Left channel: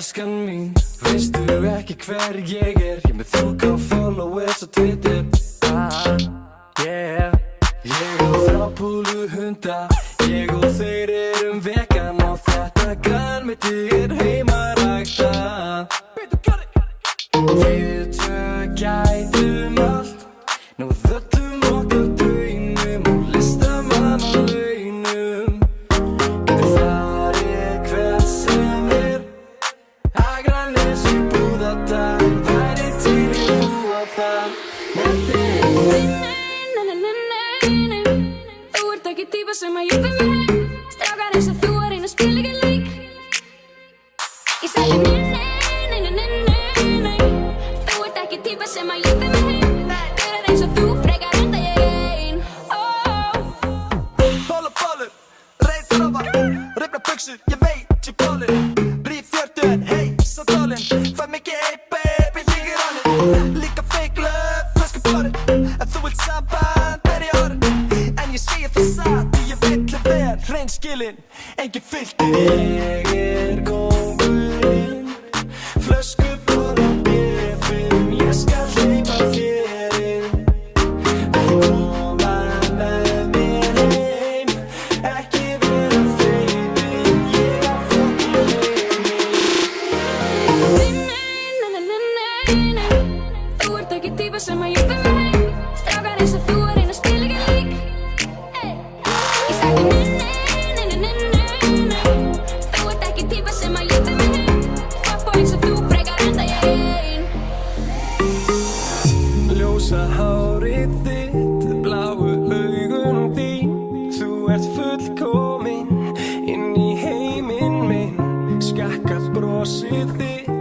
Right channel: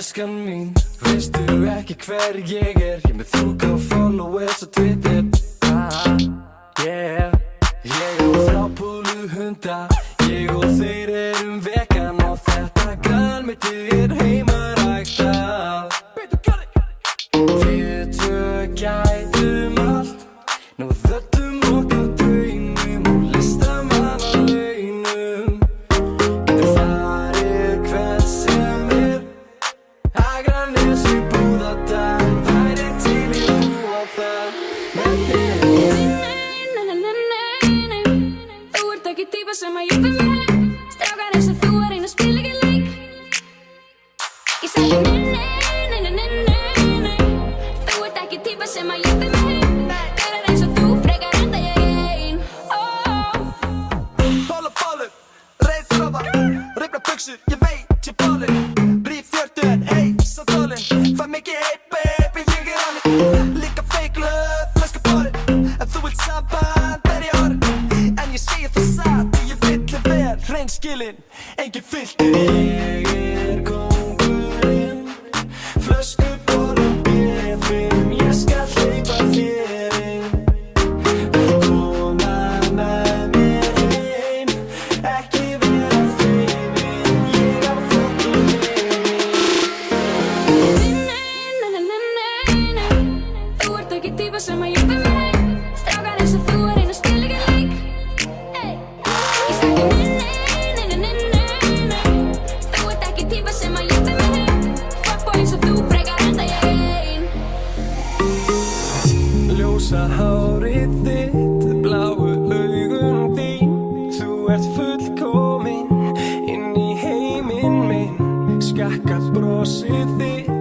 Elskan mín, veistu ekki hver ég er? Ég með 1000 followers á Twitter. Yeah. Ég á 3 púluhunda, ég og þeir erum vegan og þetta grænmeti er heimaræktað. Við tvö gætum allt, náð öllum okkar draumum og listamannalaunum. Getur farið hvert sem er, Akranes í Búðardal, væri til í að búa þar með þér. Þú ert ekki típa sem að júpa mig heim. Strákar eins og þú að reyna að spila ekki leik. Ég sagði nei. Þú ert ekki típa sem að júpa mig heim. Gaurar eins og þú frekar enda ég ein. Bollur, reiðfráfa, rifna buxur, ég veit ég bollur. Bríf fjörtun, hey, svo tólin. Fæ mikið hey baby, ég honum. Líka fake love, flösku borin. En þú vilt samband, ég orðin. En ég segi það satt, ég villi vel, hreinskilin, engin filter. Ég kóngurinn, flöskuból og bifin, ég skal hleypa þér inn. Koma með mér heim, ekki vera feiminn, ég á fucking heiminn. Þú ert ekki típa sem að júpa mig heim. Strákar eins og þú að reyna að spila ekki leik. Ég sagði nei. Þú ert ekki típa sem að júpa mig heim. Fuckboy eins og þú frekar enda ég ein. Ljósa hárið þitt, bláu augun þín. Þú ert fullkomin inn í heiminn minn. Skakka brosið þitt,